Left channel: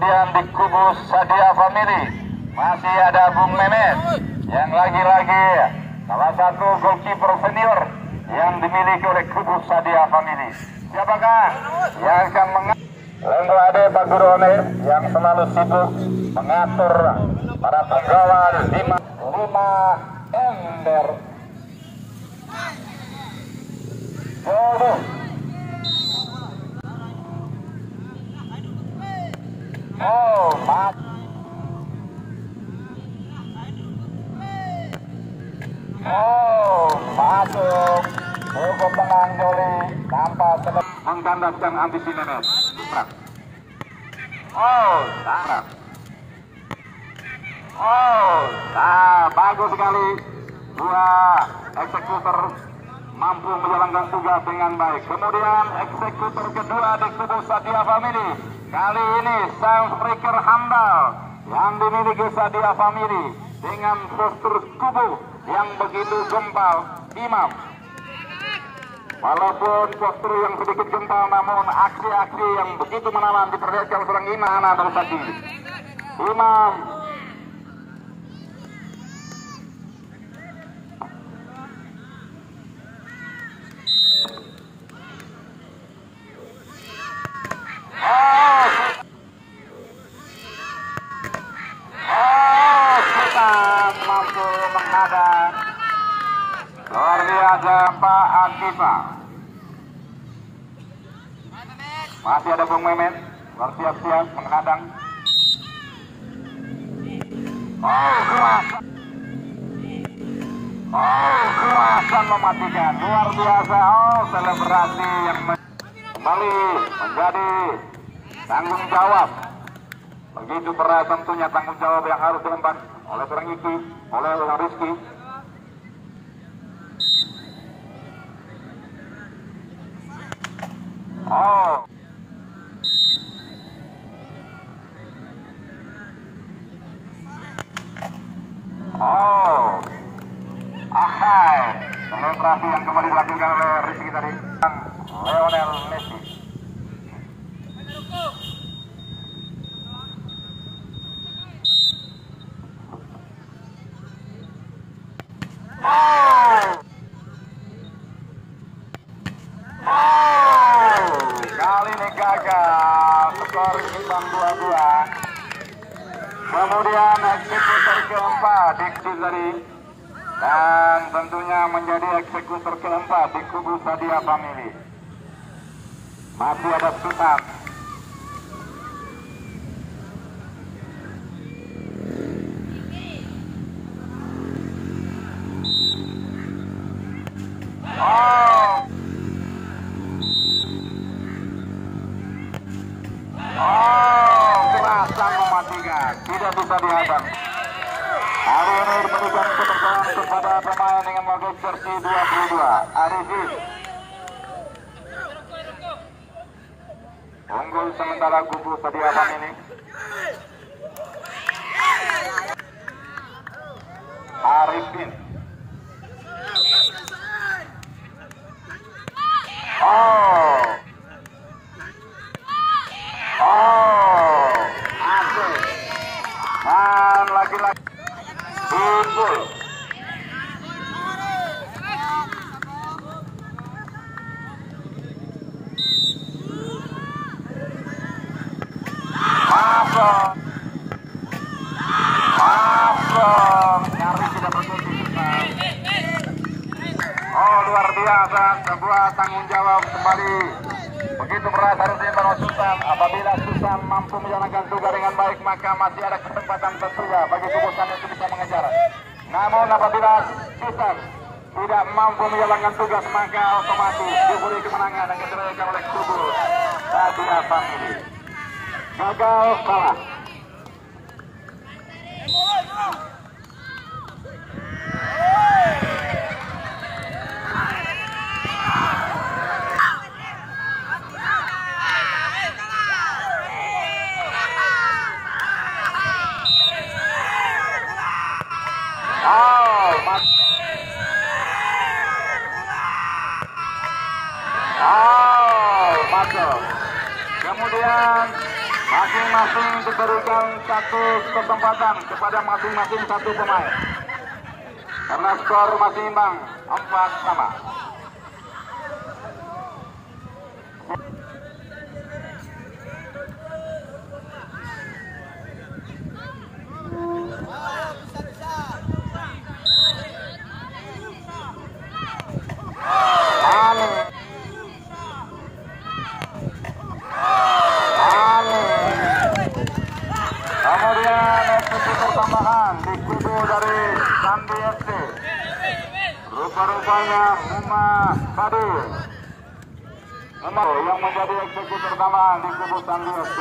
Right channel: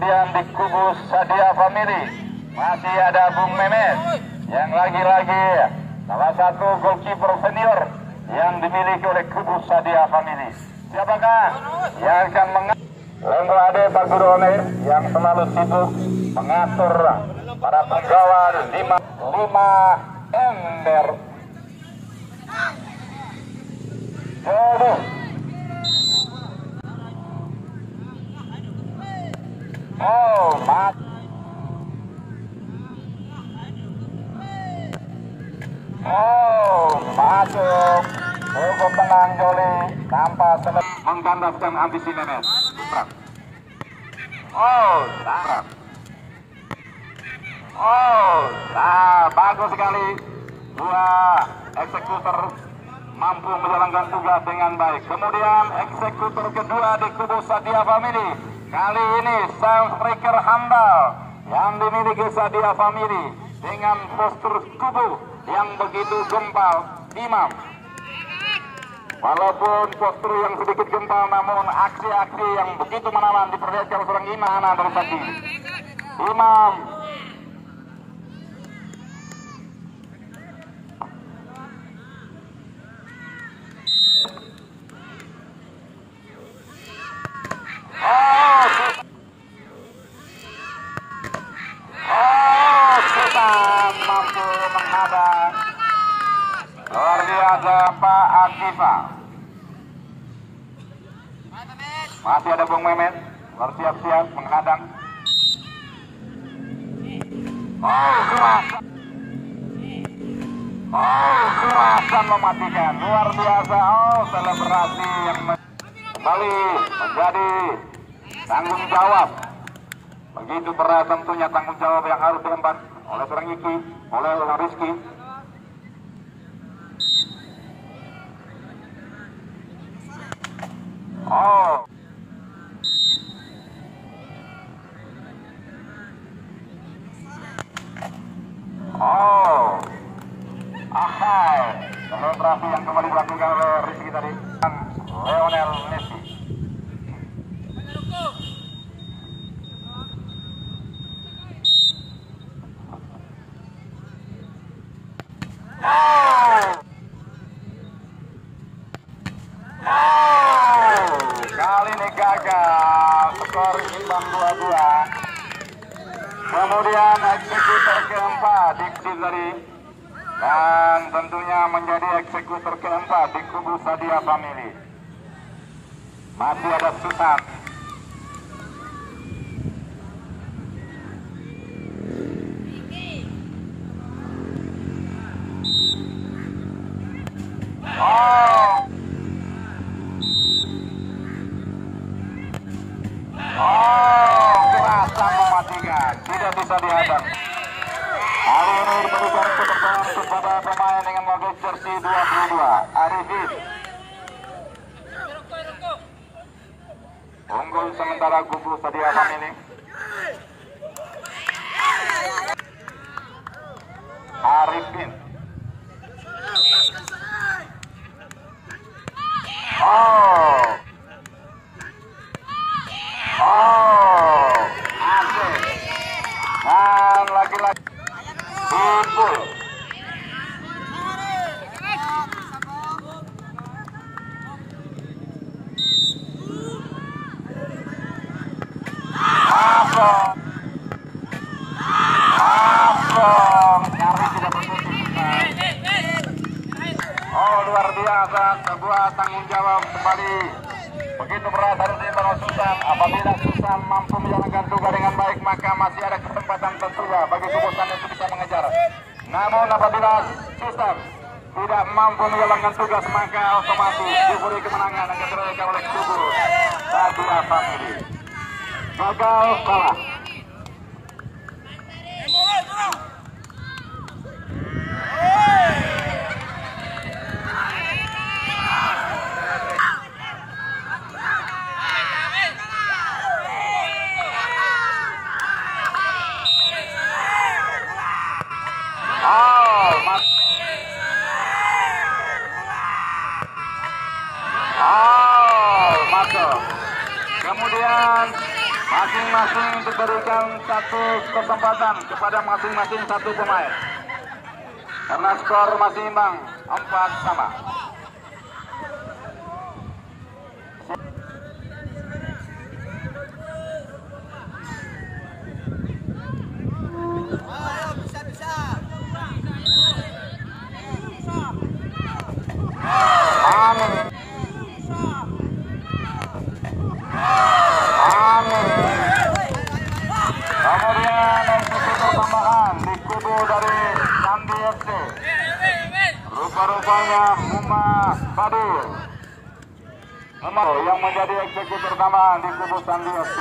Kemudian di kubu Sadia Family masih ada Bung Memes yang lagi-lagi salah satu goalkeeper senior yang dimiliki oleh kubu Sadia Family. Siapakah yang akan Lenggo Ade Pak Guru Ones yang selalu sibuk mengatur para penggawa 5 ember. Oh, mat. Masuk. Cukup tenang Joli. Tanpa sedap. Mengkandaskan ambisi Memes. Tarap. Bagus sekali. Dua eksekutor mampu menjalankan tugas dengan baik. Kemudian eksekutor kedua di kubu Sadia Family. Kali ini Sam Striker Hambal yang dimiliki Sadia Family dengan postur kubu yang begitu gempal. Imam. Walaupun postur yang sedikit gempal, namun aksi-aksi yang begitu menawan diperlihatkan seorang Imam dari tadi. Imam. Luar biasa Pak Akifa. Masih ada Bung Memen bersiap-siap menghadang. Akan mematikan. Luar biasa. Selebrasi yang kembali menjadi tanggung jawab. Begitu berat tentunya tanggung jawab yang harus diemban oleh seorang Iki, oleh Rizky. Selebrasi yang kembali dilakukan oleh Rizky tadi, Lionel Messi. Kali ini gagal, skor imbang 2-2. Kemudian eksekutor keempat Diksi tadi, dan tentunya menjadi eksekutor keempat di kubu Sadia Family. Masih ada Sultan. Tidak bisa dihadap. Hari ini diberikan kesempatan kepada pemain dengan mobil jersey 22, Arifin. Unggul sementara kubu Sadia Family. Arifin. Dan lagi-lagi Ibu. Luar biasa, sebuah tanggung jawab kembali. Begitu berat harus diemban Sultan. Apabila Sultan mampu menjalankan tugas dengan baik, maka masih ada kesempatan tentunya bagi kubusan yang bisa mengejar. Namun apabila Sultan tidak mampu menjalankan tugas, maka otomatis diberi kemenangan akan diraih oleh kubu Sadia Family. Gagal kalah. Masing-masing untuk kesempatan kepada masing-masing satu pemain. Karena skor masih imbang 4-4. Yang menjadi eksekutor tambahan di kubu Sandi FC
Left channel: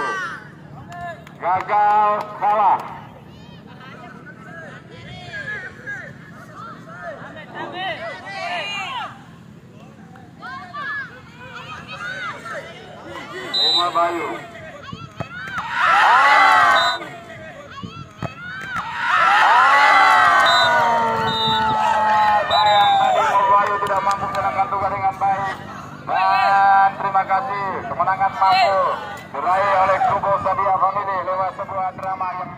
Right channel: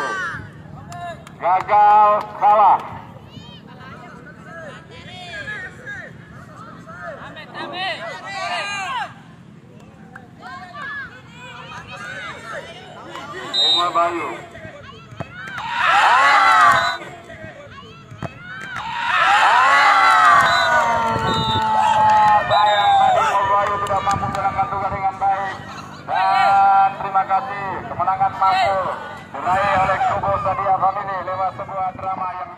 gagal kalah. Umar Bayu sayang tadi Umar Bayu tidak mampu menangkan tugas dengan baik. Dan terima kasih kemenangan mampu diraih oleh kubu Sadia Family lewat sebuah drama yang